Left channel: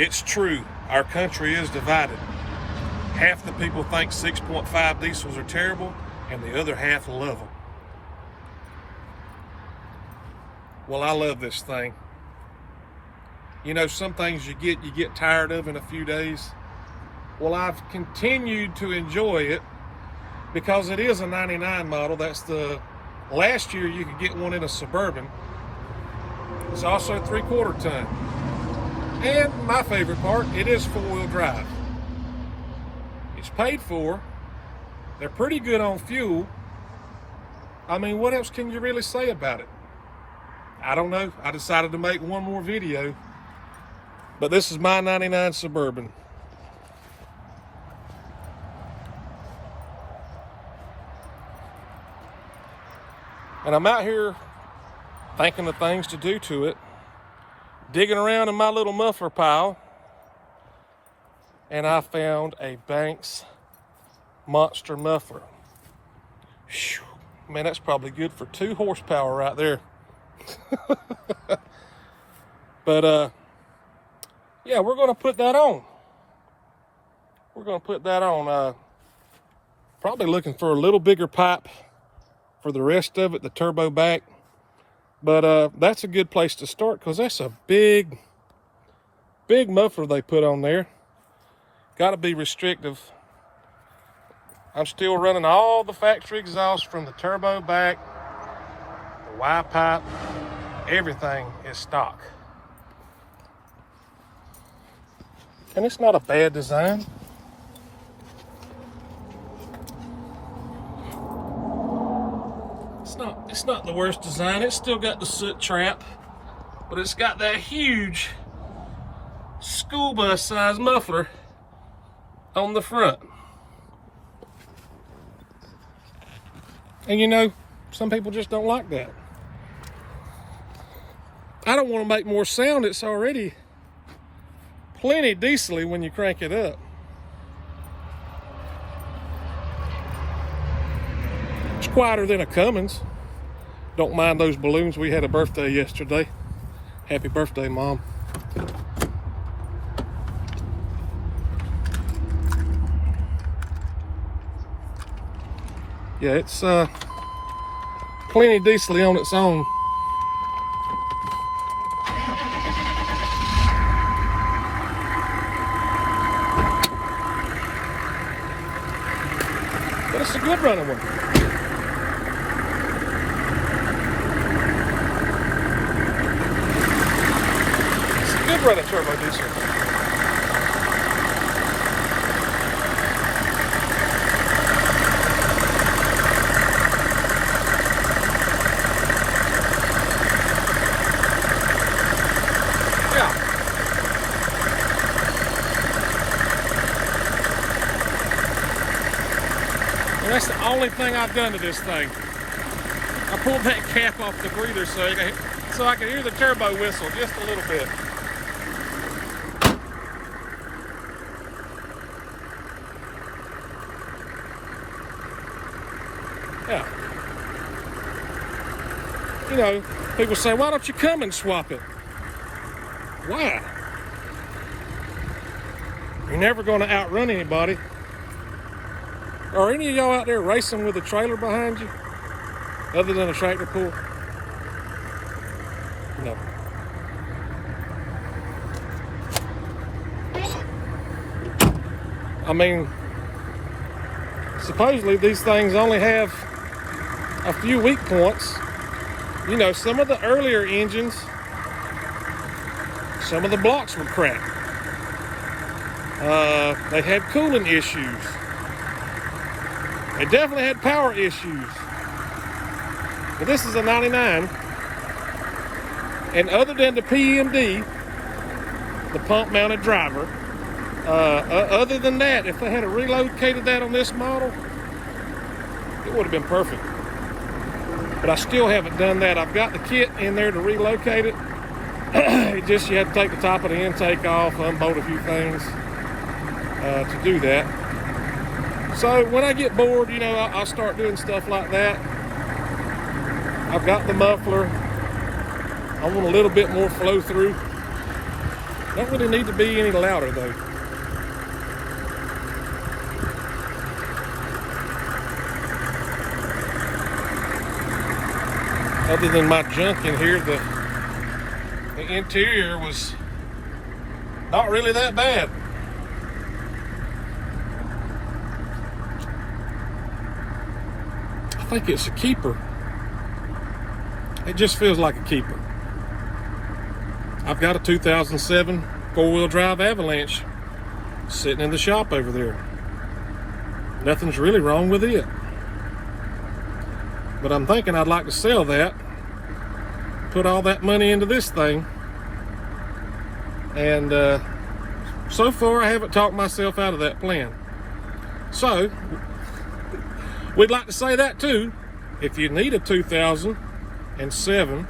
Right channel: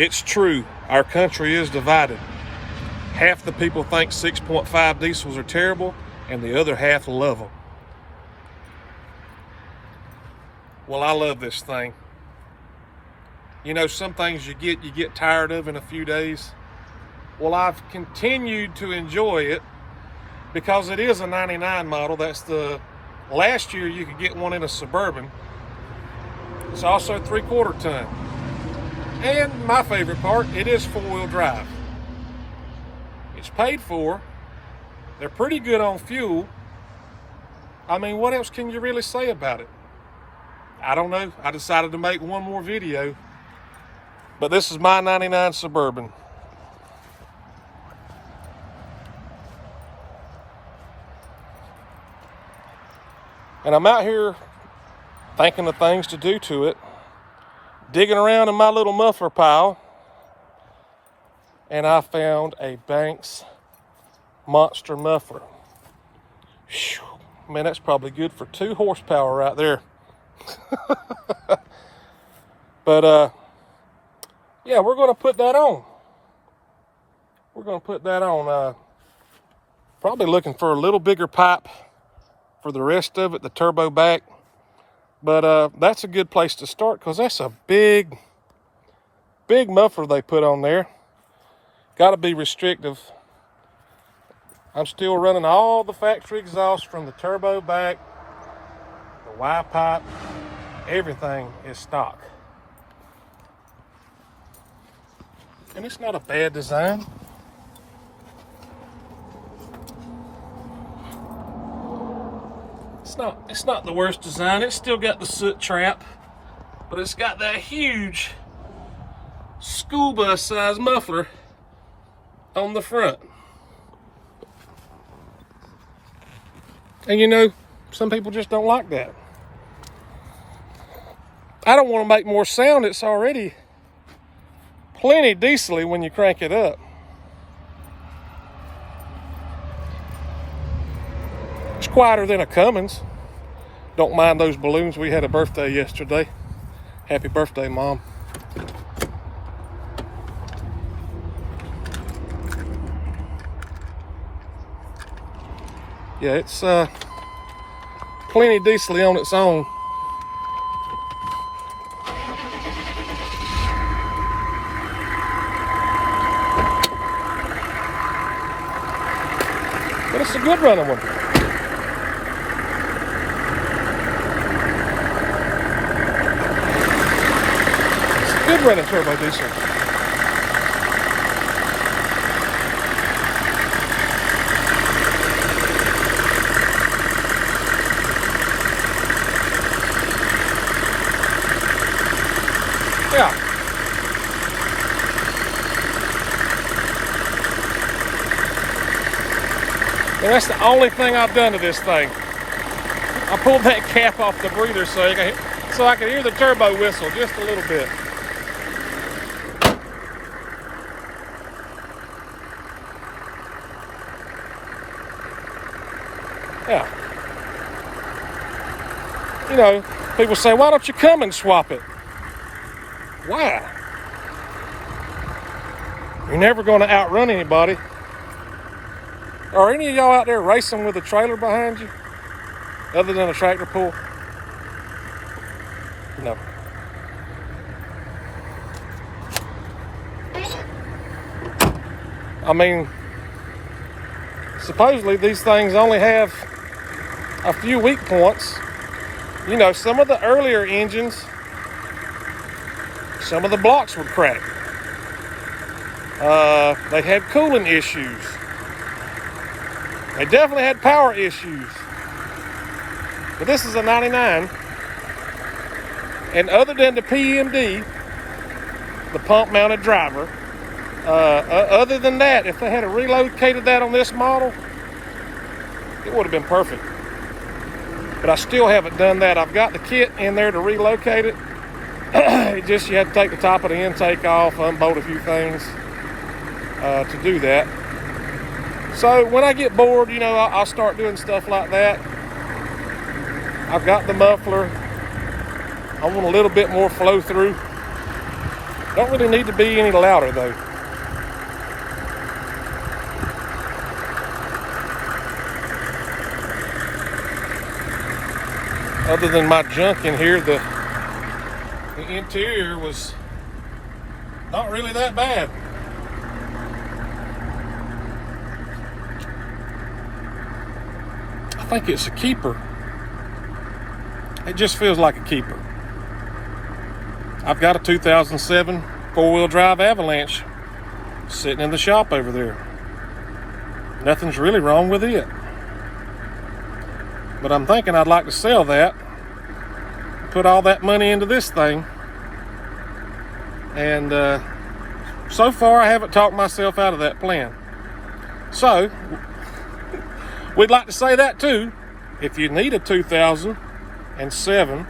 It's true, our country is divided. Half the people think 6.5 diesels are terrible, and the other half love them. Well, I love this thing. You know, some things you get tired of in a few days. Well, I've continued to enjoy it because it is a 99 model. That's the last year you could get one in a Suburban. It's also 3/4 ton. And my favorite part, it is 4-wheel drive. It's paid for. They're pretty good on fuel. I mean, what else can you really say about it? I don't know. I decided to make one more video. But this is my 99 Suburban. And I'm out here thinking of things to do to it, digging around in my little muffler pile, and I found a Banks monster muffler. Whew, man, that's probably good for 2 horsepower right there. But yeah, we're gonna put that on. Probably looking for a little bigger pipe for the rest of it, the turbo back. But that's a good place to start because that's a big muffler they put on there. Got to be restrictive. I'm still running all the factory exhaust from the turbo back, the Y pipe, everything is stock. And it's not a bad design. It's not the worst design. It's still got the soot trap, but it's got that huge school bus size muffler on the front. And you know, some people just don't like that. I don't want to make more sound. It's already plenty diesely when you crank it up. It's quieter than a Cummins. Don't mind those balloons. We had a birthday yesterday. Happy birthday, Mom. Yeah, it's plenty diesely on its own. But it's a good running one. And that's the only thing I've done to this thing. I pulled that cap off the breather so I could hear the turbo whistle just a little bit. Yeah. You know, people say, why don't you come and swap it? Why? You're never going to outrun anybody. Are any of y'all out there racing with a trailer behind you? Other than a tractor pull? No. I mean, supposedly these things only have a few weak points. You know, some of the earlier engines, some of the blocks would crack. They had cooling issues. They definitely had power issues. But this is a 99. And other than the PMD, the pump mounted driver, other than that, if they had relocated that on this model, it would have been perfect. But I still haven't done that. I've got the kit in there to relocate it. It just, you had to take the top of the intake off, unbolt a few things to do that. So when I get bored, you know, I'll start doing stuff like that. I've got the muffler. I want a little bit more flow through. Don't really need to be any louder though. Other than my junk in here, the interior was not really that bad. I think it's a keeper. It just feels like a keeper. I've got a 2007 four-wheel drive Avalanche sitting in the shop over there. Nothing's really wrong with it. But I'm thinking I'd like to sell that, put all that money into this thing, and so far I haven't talked myself out of that plan. So, we'd like to say that too. If you need a 2007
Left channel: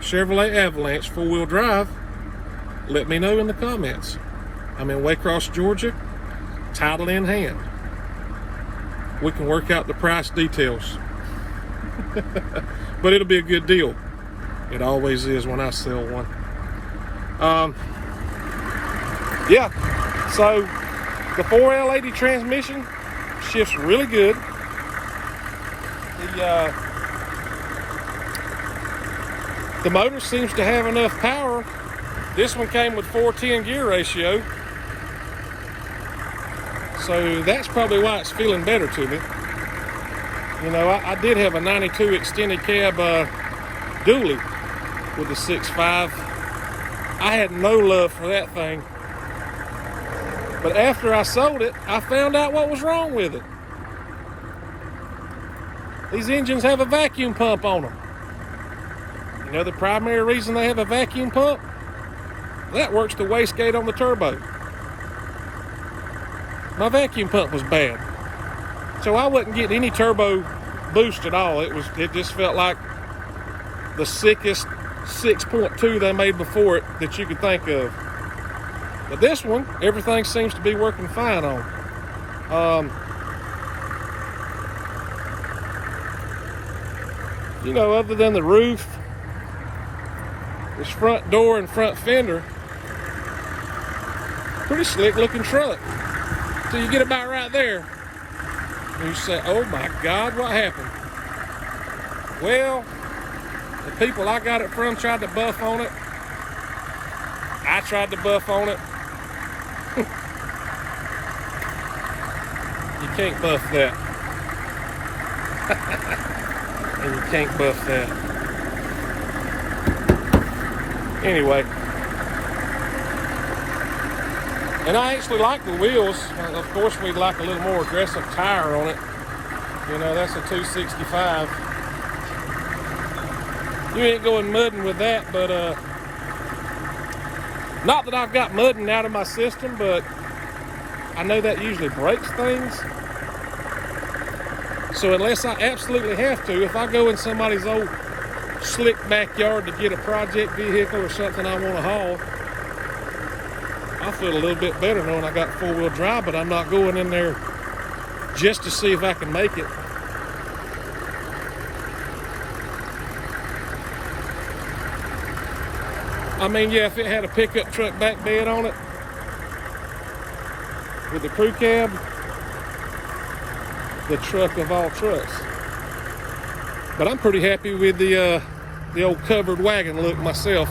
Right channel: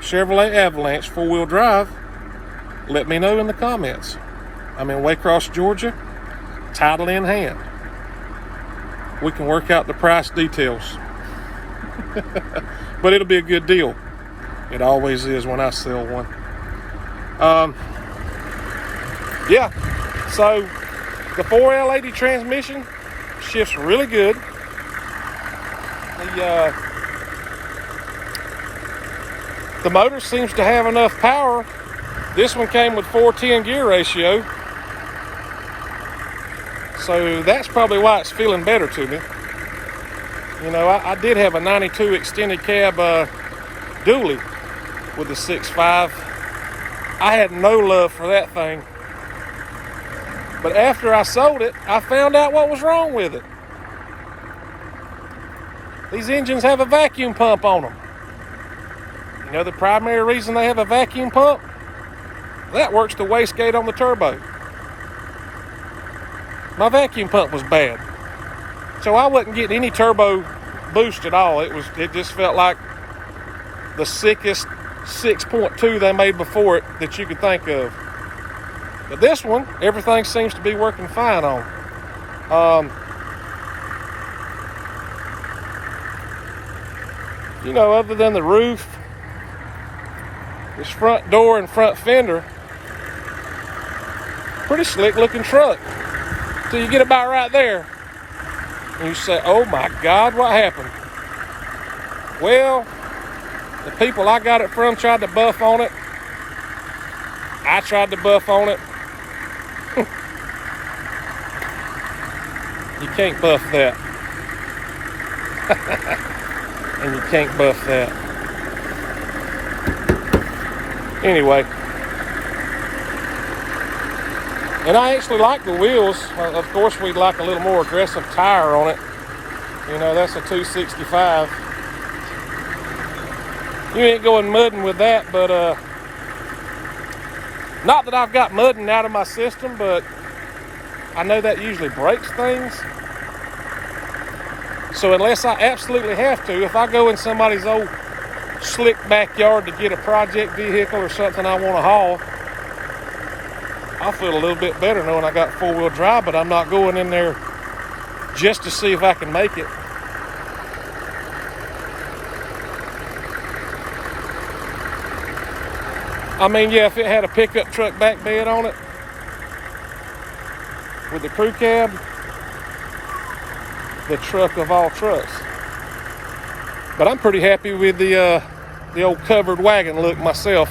Chevrolet Avalanche four-wheel drive, let me know in the comments. I'm in Waycross, Georgia, title in hand. We can work out the price details. But it'll be a good deal. It always is when I sell one. Yeah, so the 4L80 transmission shifts really good. The motor seems to have enough power. This one came with 4:10 gear ratio, so that's probably why it's feeling better to me. You know, I did have a 92 extended cab dually with the 6.5. I had no love for that thing. But after I sold it, I found out what was wrong with it. These engines have a vacuum pump on them. You know the primary reason they have a vacuum pump? That works the wastegate on the turbo. My vacuum pump was bad. So I wasn't getting any turbo boost at all. It just felt like the sickest 6.2 they made before it that you could think of. But this one, everything seems to be working fine on. You know, other than the roof, this front door and front fender, pretty slick looking truck. Till you get about right there. And you say, oh my God, what happened? Well, the people I got it from tried to buff on it. I tried to buff on it. You can't buff that. And you can't buff that. Anyway. And I actually like the wheels. Of course, we'd like a little more aggressive tire on it. You know, that's a 265. You ain't going mudding with that, but not that I've got mudding out of my system, but I know that usually breaks things. So unless I absolutely have to, if I go in somebody's old slick backyard to get a project vehicle or something I want to haul, I feel a little bit better knowing I got four-wheel drive, but I'm not going in there just to see if I can make it. I mean, yeah, if it had a pickup truck back bed on it with the crew cab, the truck of all trucks. But I'm pretty happy with the old covered wagon look myself.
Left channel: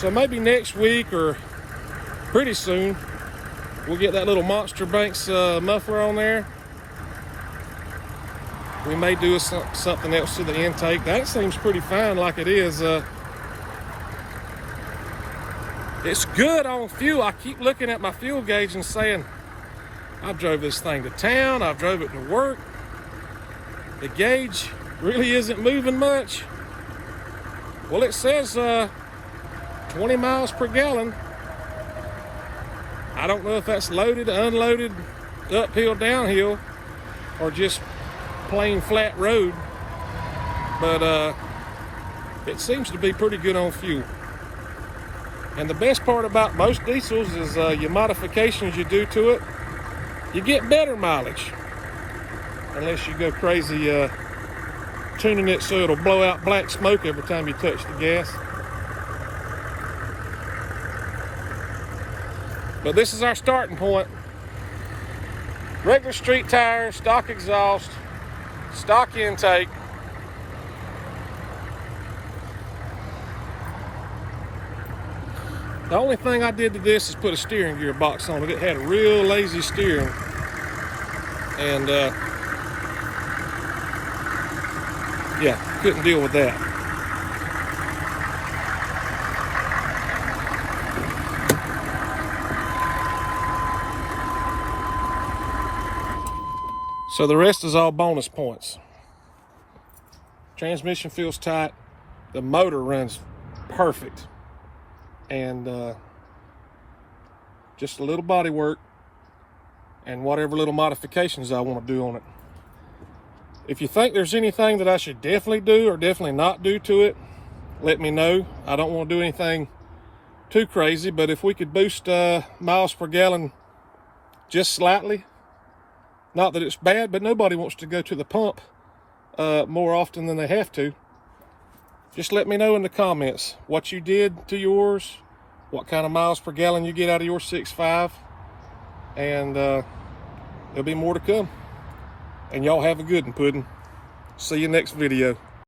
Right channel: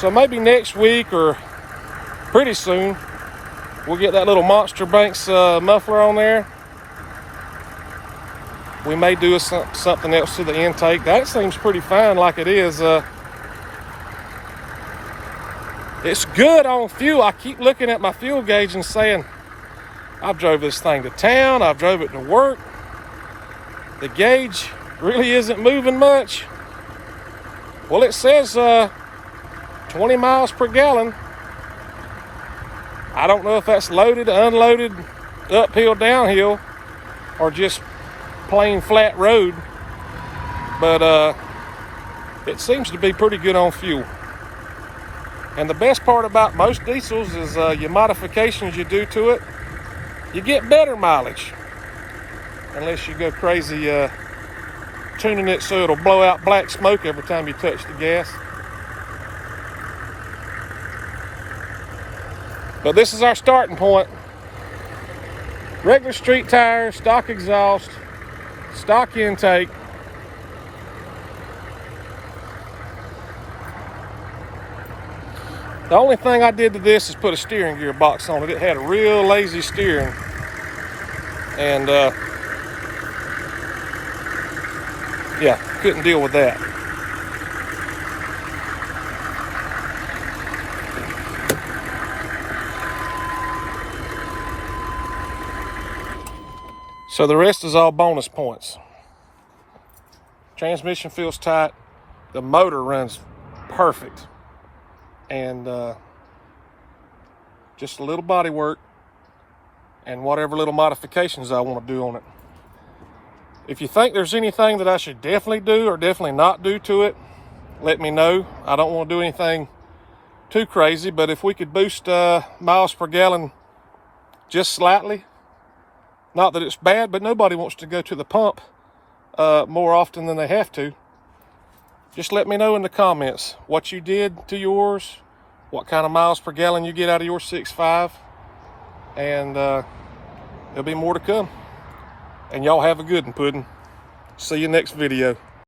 So maybe next week or pretty soon, we'll get that little Monster Banks muffler on there. We may do something else to the intake. That seems pretty fine like it is. It's good on fuel. I keep looking at my fuel gauge and saying, I've drove this thing to town. I've drove it to work. The gauge really isn't moving much. Well, it says 20 miles per gallon. I don't know if that's loaded, unloaded, uphill, downhill, or just plain flat road, but it seems to be pretty good on fuel. And the best part about most diesels is your modifications you do to it, you get better mileage, unless you go crazy tuning it so it'll blow out black smoke every time you touch the gas. But this is our starting point. Regular street tires, stock exhaust, stock intake. The only thing I did to this is put a steering gear box on it. It had a real lazy steering. And yeah, couldn't deal with that. So the rest is all bonus points. Transmission feels tight. The motor runs perfect. And just a little body work and whatever little modifications I want to do on it. If you think there's anything that I should definitely do or definitely not do to it, let me know. I don't want to do anything too crazy, but if we could boost miles per gallon just slightly, not that it's bad, but nobody wants to go to the pump more often than they have to. Just let me know in the comments what you did to yours, what kind of miles per gallon you get out of your 6.5, and there'll be more to come. And y'all have a good one, Puddin'. See you next video.